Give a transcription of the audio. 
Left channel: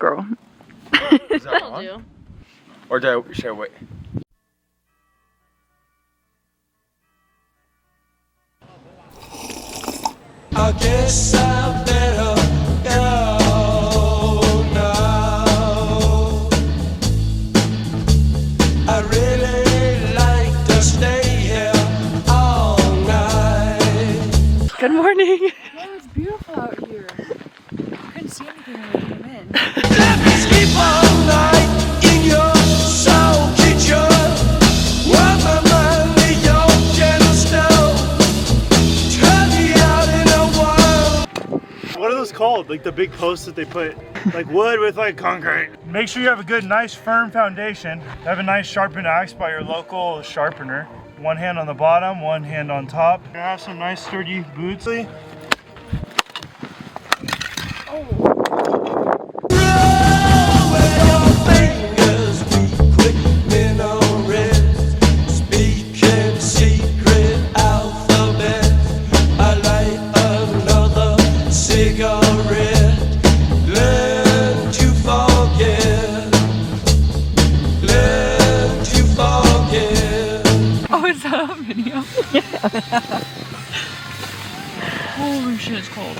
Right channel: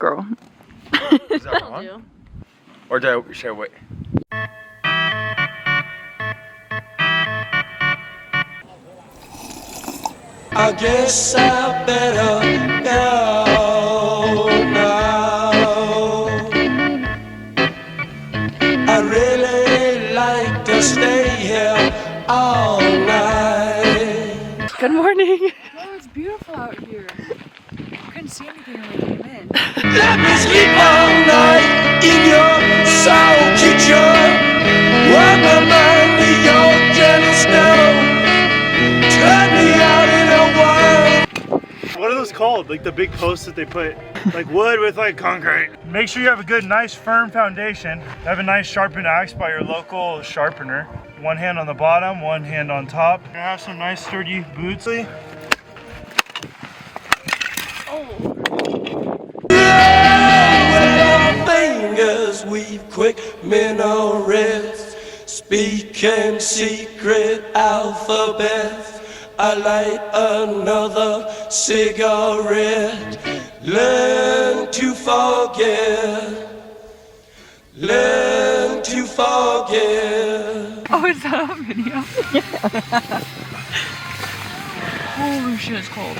Girl. Is that wrong? Or should I wait? I guess I better go now. I really like to stay here all night. Good morning. Oh, it's beautiful out here. Couldn't see anything when we came in. Let me sleep all night in your soul kitchen. Warm my mind with your gentle snow. Turn me out in a world. What are those called? Like the big posts that they put, like wood with like concrete. Make sure you have a good, nice, firm foundation. Have a nice sharpened axe by your local sharpener. One hand on the bottom, one hand on top. You're gonna have some nice sturdy boots. With our fingers we quick minarets, speaking secret alphabets. I light another cigarette. Learn to forget. Learn to forget. Oh, is that a video? Holy shit, it's cold.